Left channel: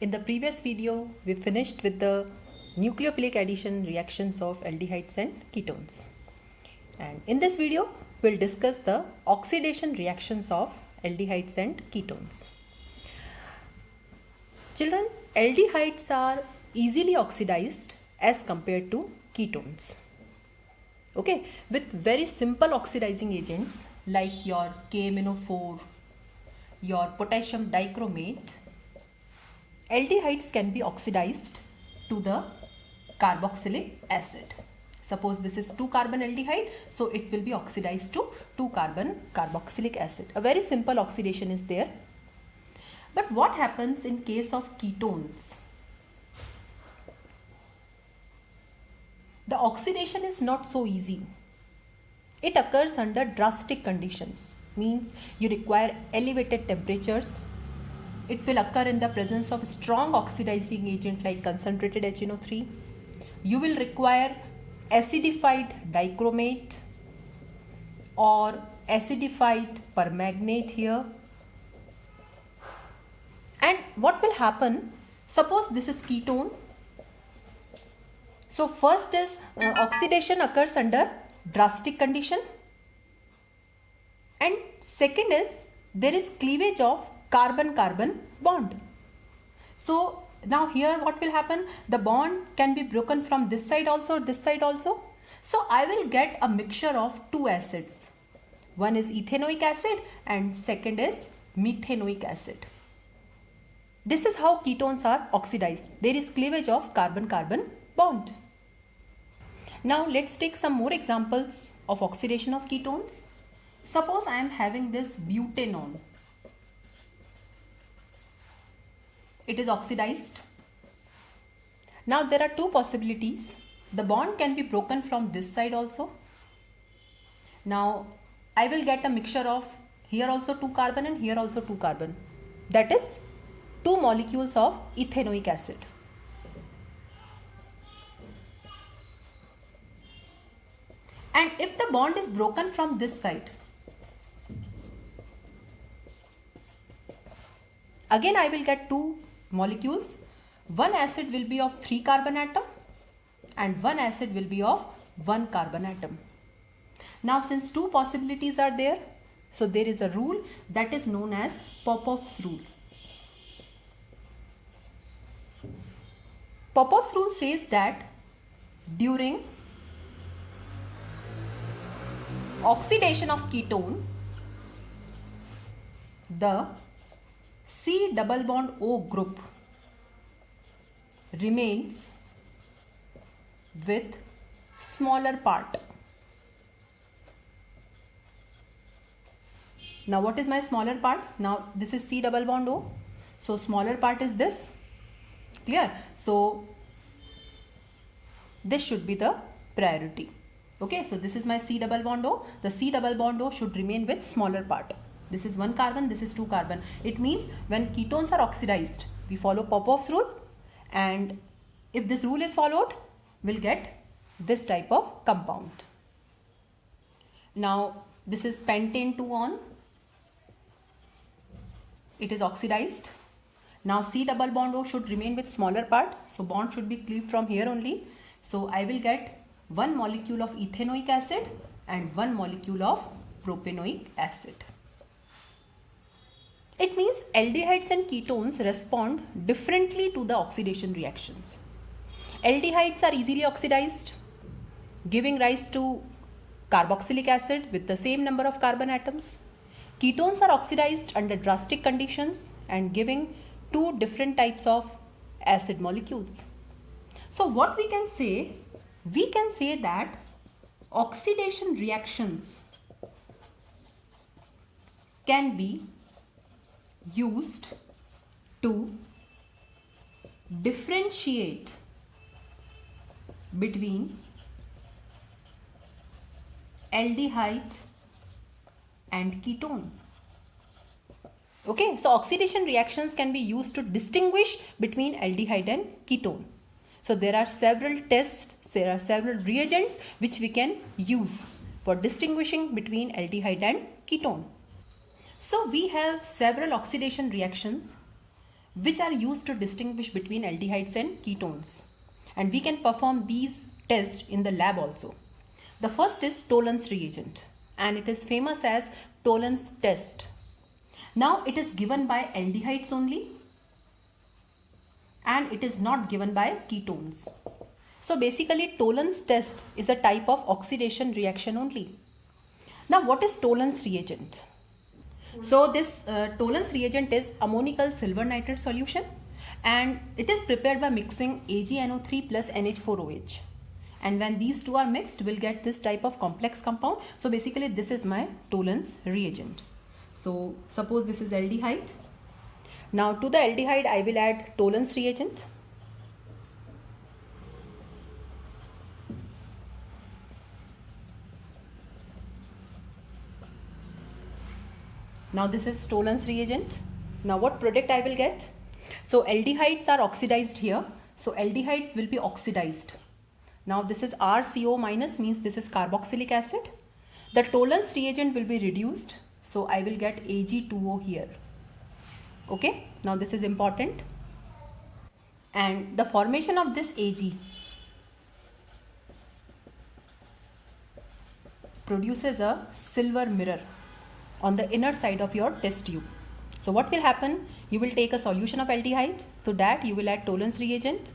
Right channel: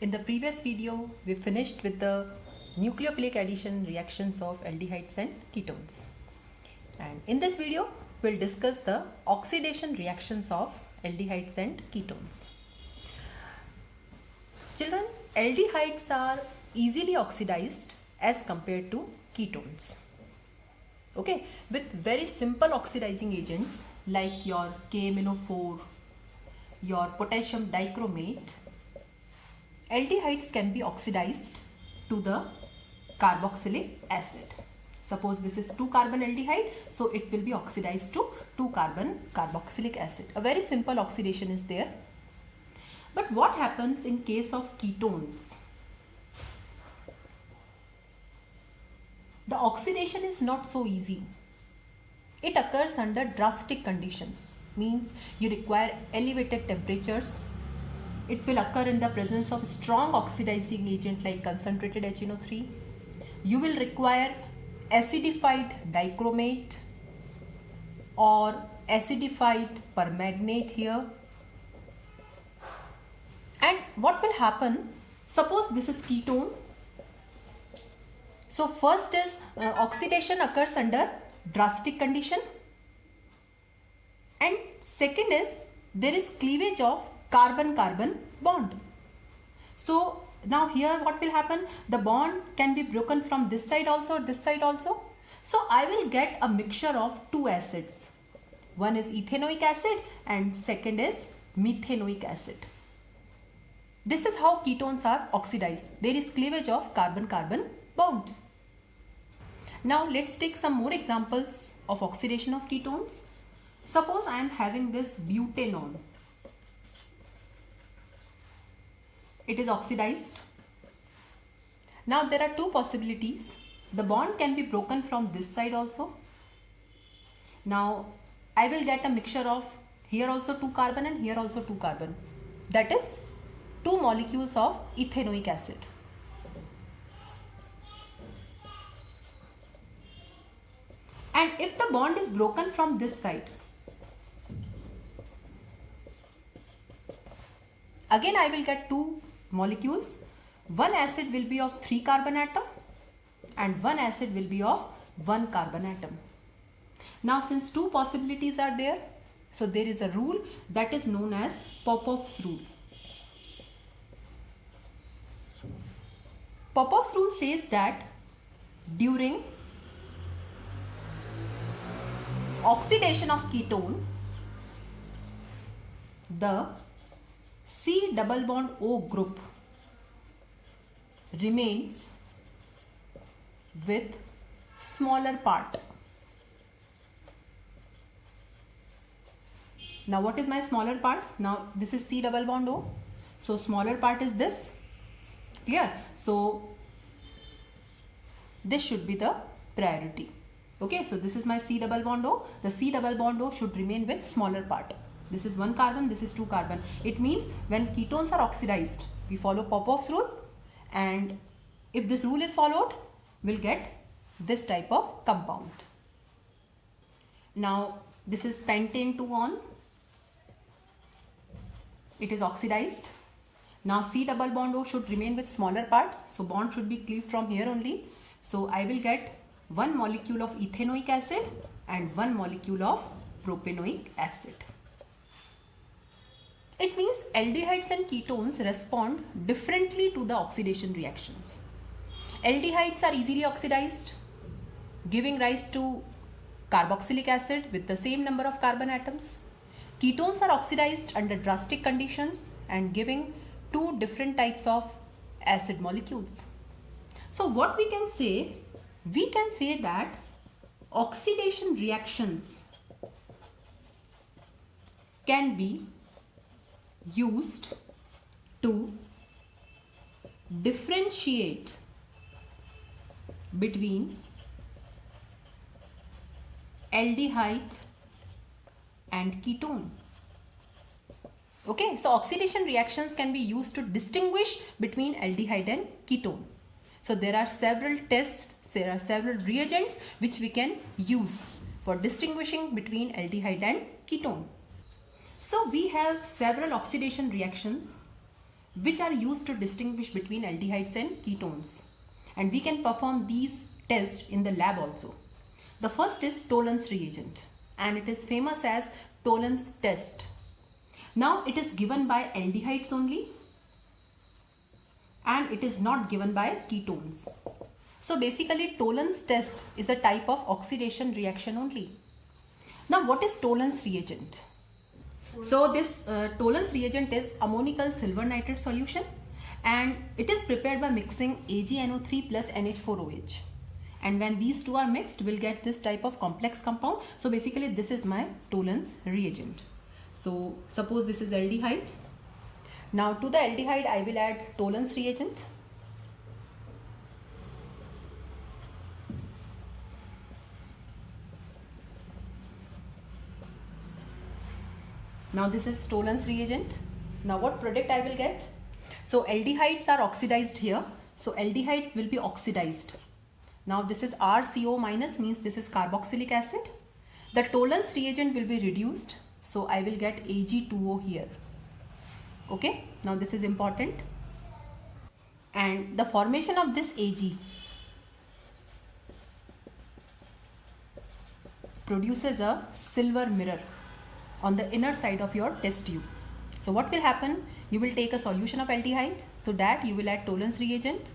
In the previous video, we finished with the nucleophilic addition reactions of aldehydes and ketones. And in this video, we'll discuss the oxidation reactions of aldehydes and ketones. Children, aldehydes are easily oxidized as compared to ketones. Okay, with very simple oxidizing agents like your KMnO4, your potassium dichromate, aldehydes can be oxidized to the carboxylic acid. Suppose this is 2-carbon aldehyde, so it will be oxidized to 2-carbon carboxylic acid. A very simple oxidation is there. But what happens in case of ketones? The oxidation is not so easy. It occurs under drastic conditions, means you require elevated temperatures. It will occur in the presence of strong oxidizing agent like concentrated HNO3. You will require acidified dichromate or acidified permanganate here. And what will happen? Suppose this is ketone. So first is oxidation occurs under drastic condition, and second is there is cleavage of carbon-carbon bond. So now here what will happen? The bond can be broken from this side also or this side also. So I will get a mixture of two acids. One is ethanoic acid and second is methanoic acid. This is how ketones are oxidized. There is cleavage of carbon-carbon bond. Now let's take some more examples of oxidation of ketones. Suppose I am having this butanone. It is oxidized. Now there are two possibilities. The bond can be broken from this side also. Now I will get a mixture of here also 2 carbon and here also 2 carbon. That is 2 molecules of ethanoic acid. And if the bond is broken from this side, again I will get 2 molecules. One acid will be of 3 carbon atom and one acid will be of 1 carbon atom. Now since 2 possibilities are there, so there is a rule that is known as Popoff's rule. Popoff's rule says that during oxidation of ketone, the C double bond O group remains with smaller part. Now what is my smaller part? Now this is C double bond O. So smaller part is this. Clear? So this should be the priority. Okay, so this is my C double bond O. The C double bond O should remain with smaller part. This is 1 carbon, this is 2 carbon. It means when ketones are oxidized, we follow Popoff's rule, and if this rule is followed, we'll get this type of compound. Now this is pentane 2-on. It is oxidized. Now C double bond O should remain with smaller part, so bond should be cleaved from here only. So I will get 1 molecule of ethanoic acid and 1 molecule of propanoic acid. It means aldehydes and ketones respond differently to the oxidation reactions. Aldehydes are easily oxidized, giving rise to carboxylic acid with the same number of carbon atoms. Ketones are oxidized under drastic conditions and giving 2 different types of acid molecules. So what we can say that oxidation reactions can be used to differentiate between aldehyde and ketone. Okay, so oxidation reactions can be used to distinguish between aldehyde and ketone. So there are several tests, there are several reagents which we can use for distinguishing between aldehyde and ketone. So we have several oxidation reactions which are used to distinguish between aldehydes and ketones. And we can perform these tests in the lab also. The first is Tollens reagent, and it is famous as Tollens test. Now it is given by aldehydes only, and it is not given by ketones. So basically Tollens test is a type of oxidation reaction only. Now what is Tollens reagent? So this Tollens reagent is ammonical silver nitrate solution, and it is prepared by mixing AgNO3 plus NH4OH. And when these two are mixed, we'll get this type of complex compound. So basically this is my Tollens reagent. So suppose this is aldehyde. Now to the aldehyde I will add Tollens reagent. Now this is Tollens reagent. Now what product I will get? So aldehydes are oxidized here. So aldehydes will be oxidized. Now this is RCO minus, means this is carboxylic acid. The Tollens reagent will be reduced. So I will get Ag2O here. Okay. Now this is important. And the formation of this Ag produces a silver mirror on the inner side of your test tube. So what will happen? You will take a solution of aldehyde. To that you will add Tollens reagent,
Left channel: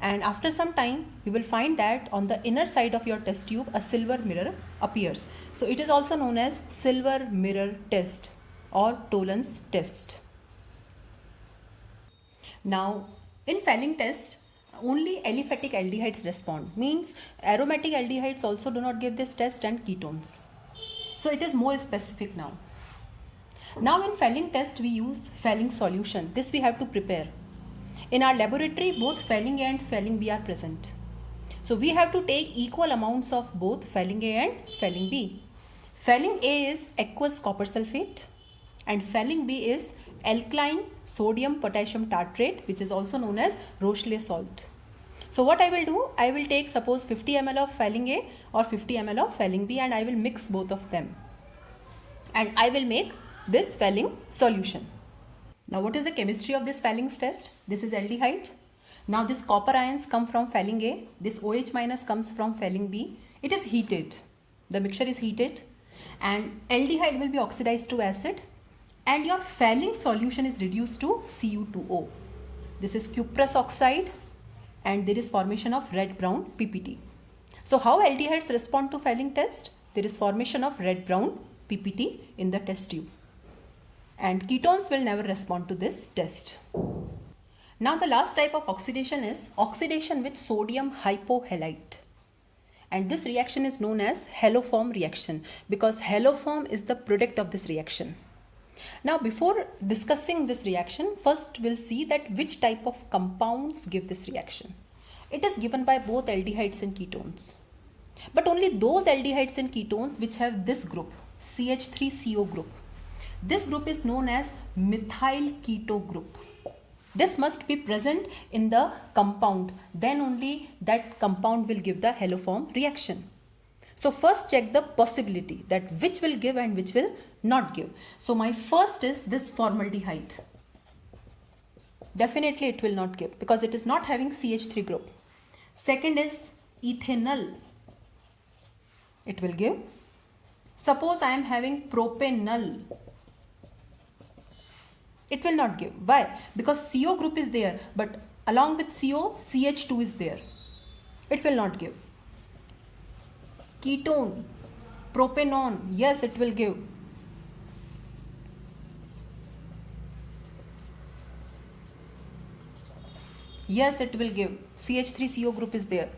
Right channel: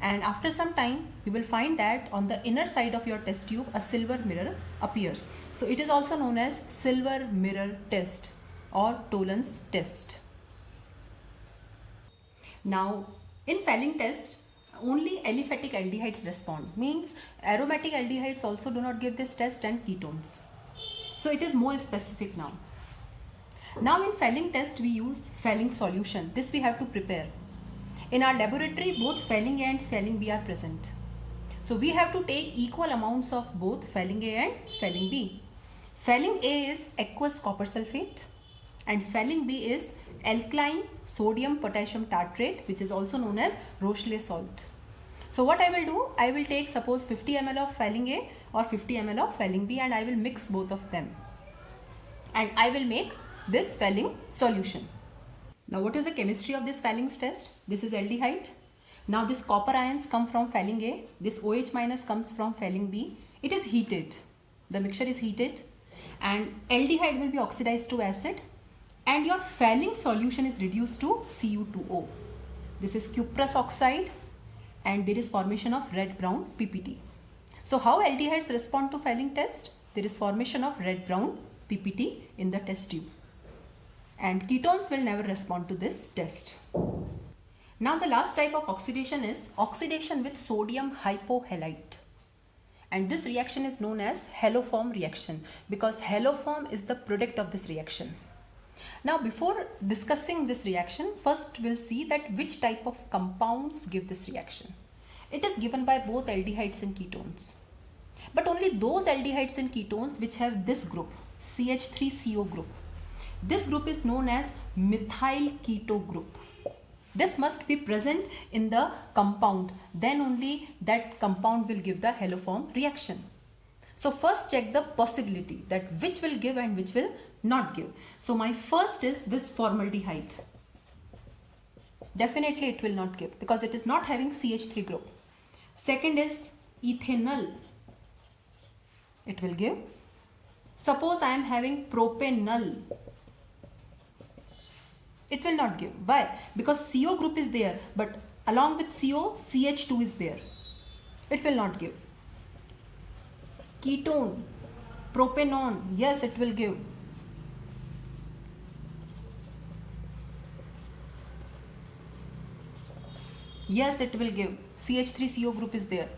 and after some time you will find that on the inner side of your test tube a silver mirror appears. So it is also known as silver mirror test or Tollens test. Now in Fehling test only aliphatic aldehydes respond, means aromatic aldehydes also do not give this test, and ketones. So it is more specific now. Now in Fehling test we use Fehling solution. This we have to prepare. In our laboratory both Fehling A and Fehling B are present. So we have to take equal amounts of both Fehling A and Fehling B. Fehling A is aqueous copper sulfate and Fehling B is alkaline sodium potassium tartrate, which is also known as Rochelle salt. So what I will do, I will take suppose 50 ml of Fehling A or 50 ml of Fehling B, and I will mix both of them. And I will make this Fehling solution. Now what is the chemistry of this Fehling test? This is aldehyde. Now this copper ions come from Fehling A. This OH minus comes from Fehling B. It is heated. The mixture is heated and aldehyde will be oxidized to acid, and your Fehling solution is reduced to Cu2O. This is cuprous oxide, and there is formation of red-brown PPT. So how aldehydes respond to Fehling test? There is formation of red-brown PPT in the test tube. And ketones will never respond to this test. Now the last type of oxidation is oxidation with sodium hypohalite. And this reaction is known as haloform reaction because haloform is the product of this reaction. Now before discussing this reaction, first we'll see that which type of compounds give this reaction. It is given by both aldehydes and ketones. But only those aldehydes and ketones which have this group, CH3CO group. This group is known as methyl keto group. This must be present in the compound, then only that compound will give the haloform reaction. So first check the possibility that which will give and which will not give. So my first is this formaldehyde. Definitely it will not give because it is not having CH3 group. Second is ethanol. It will give. Suppose I am having propanol. It will not give. Why? Because CO group is there, but along with CO, CH2 is there. It will not give. Ketone, propanone, yes, it will give. Yes, it will give. CH3CO group is there.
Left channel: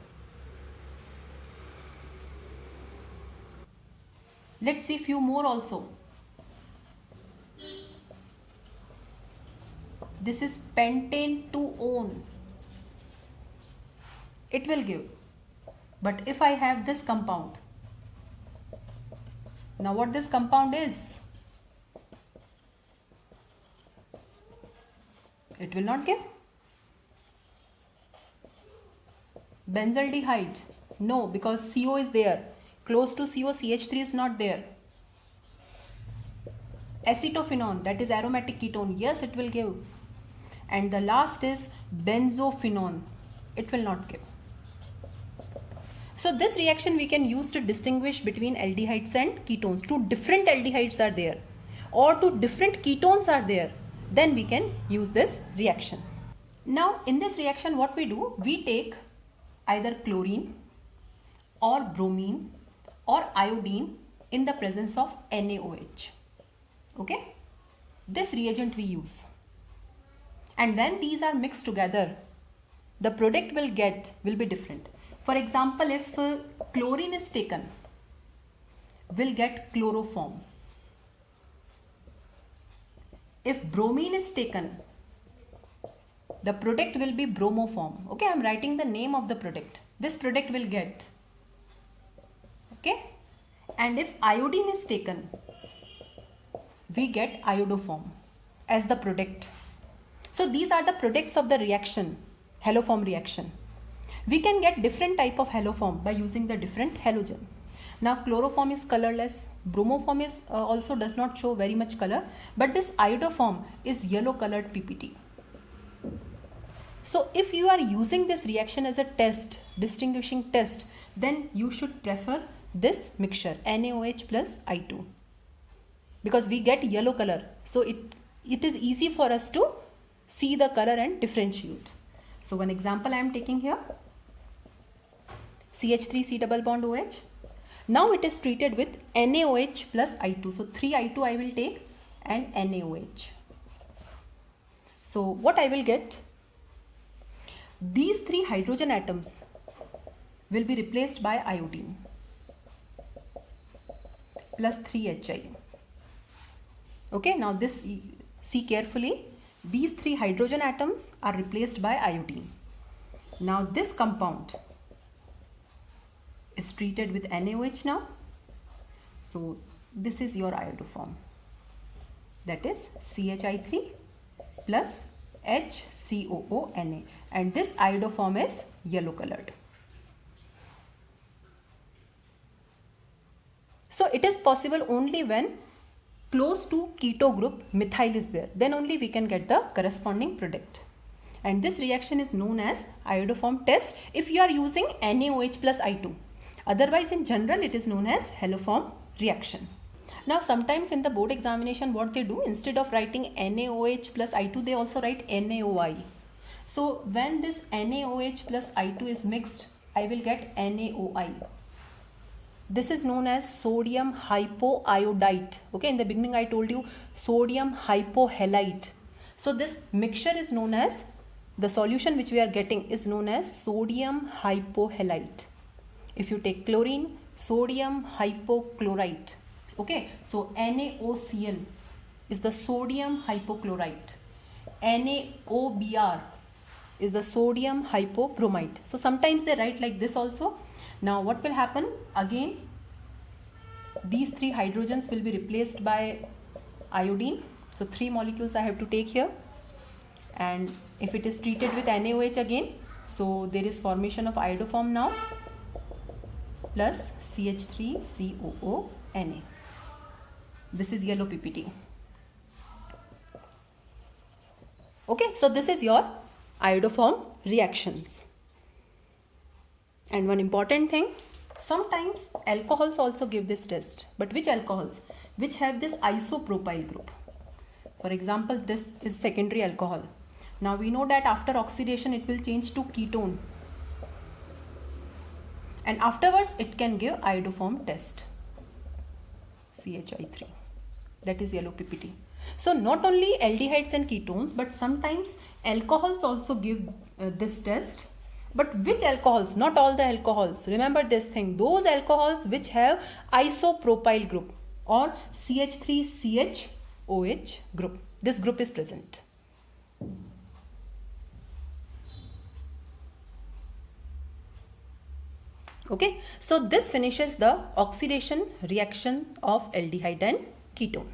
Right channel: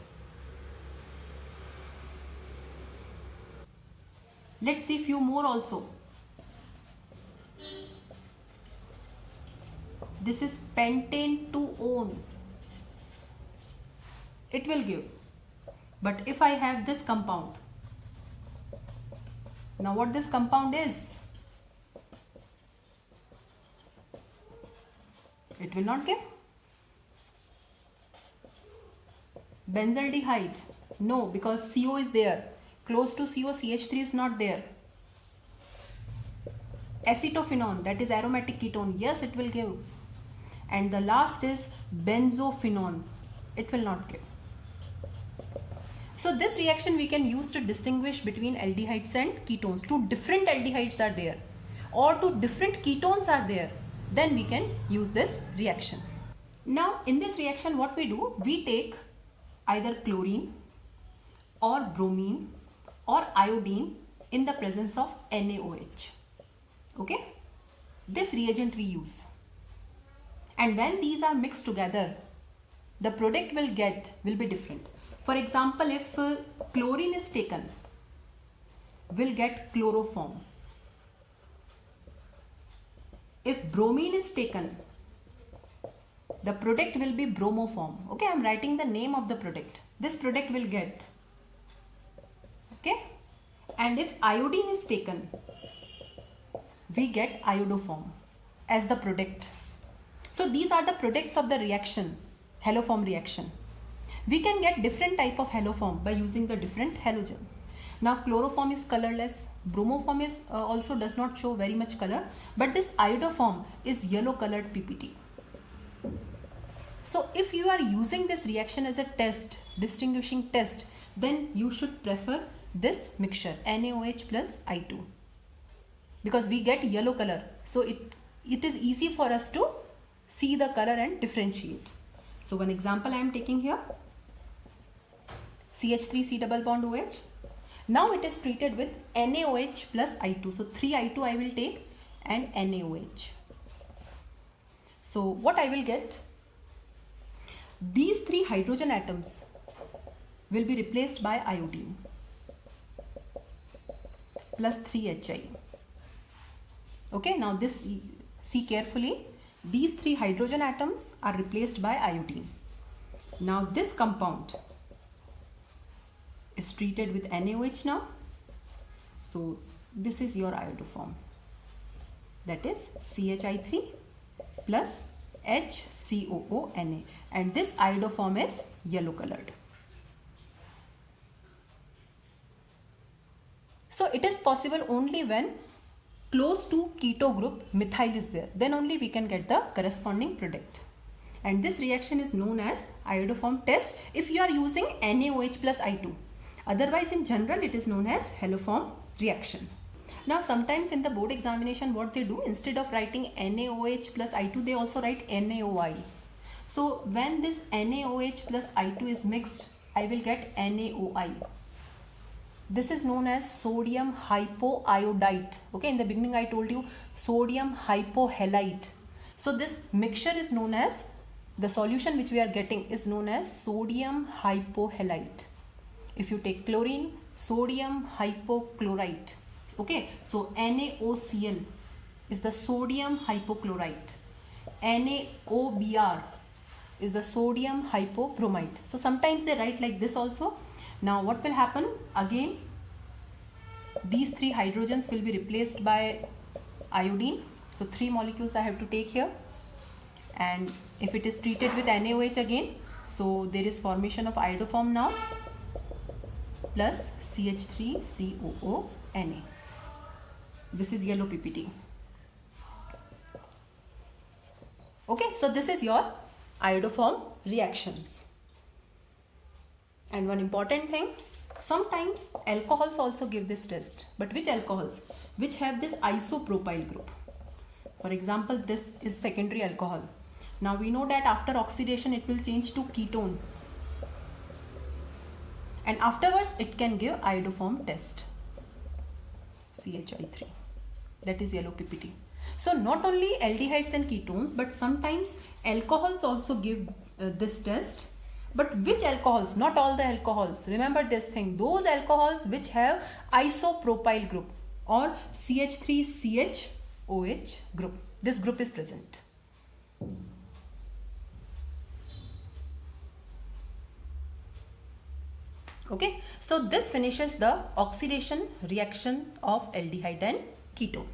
Let's see few more also. This is pentane 2-one. It will give. But if I have this compound, now what this compound is? It will not give. Benzaldehyde, no, because CO is there. Close to CO, CH3 is not there. Acetophenone, that is aromatic ketone, yes, it will give. and the last is benzophenone. It will not give. So this reaction we can use to distinguish between aldehydes and ketones. Two different aldehydes are there or two different ketones are there, then we can use this reaction. Now in this reaction what we do, we take either chlorine or bromine or iodine in the presence of NaOH. Okay, this reagent we use, and when these are mixed together, the product will be different. For example, if chlorine is taken, we'll get chloroform. If bromine is taken, the product will be bromoform. Okay, I'm writing the name of the product. This product will get. Okay, and if iodine is taken, we get iodoform as the product. So these are the products of the reaction, haloform reaction. We can get different type of haloform by using the different halogen. Now chloroform is colorless, bromoform is also does not show very much color, but this iodoform is yellow colored PPT. So if you are using this reaction as a test, distinguishing test, then you should prefer this mixture NaOH plus I2, because we get yellow color, so it is easy for us to see the color and differentiate. So one example I am taking here, CH3 C double bond OH. Now it is treated with NaOH plus I2. So 3I2 I will take and NaOH. So what I will get? These three hydrogen atoms will be replaced by iodine plus 3Hi. Okay, now this, see carefully, these three hydrogen atoms are replaced by iodine. Now this compound is treated with NaOH now. So this is your iodoform, that is CHI3 plus HCOO Na, and this iodoform is yellow colored. So it is possible only when close to keto group methyl is there, then only we can get the corresponding product. And this reaction is known as iodoform test if you are using NaOH plus I2. Otherwise in general it is known as haloform reaction. Now sometimes in the board examination what they do, instead of writing NaOH plus I2 they also write NaOI. So when this NaOH plus I2 is mixed, I will get NaOI. This is known as sodium hypoiodite. Okay, in the beginning I told you sodium hypohalite. So this mixture is known as, the solution which we are getting is known as sodium hypohalite. If you take chlorine, sodium hypochlorite. Okay, so NaOCl is the sodium hypochlorite. NaOBr is the sodium hypobromite. So sometimes they write like this also. Now what will happen? Again, these three hydrogens will be replaced by iodine. So 3 molecules I have to take here. And if it is treated with NaOH again, so there is formation of iodoform now plus CH3COO Na. This is yellow PPT. Okay, so this is your iodoform reactions. And one important thing, sometimes alcohols also give this test. But which alcohols? Which have this isopropyl group. For example, this is secondary alcohol. Now we know that after oxidation it will change to ketone. And afterwards it can give iodoform test. CHI3. That is yellow PPT. So not only aldehydes and ketones, but sometimes alcohols also give this test. But which alcohols? Not all the alcohols. Remember this thing. Those alcohols which have isopropyl group or CH3CHOH group. This group is present. Okay. So this finishes the oxidation reaction of aldehyde and ketone.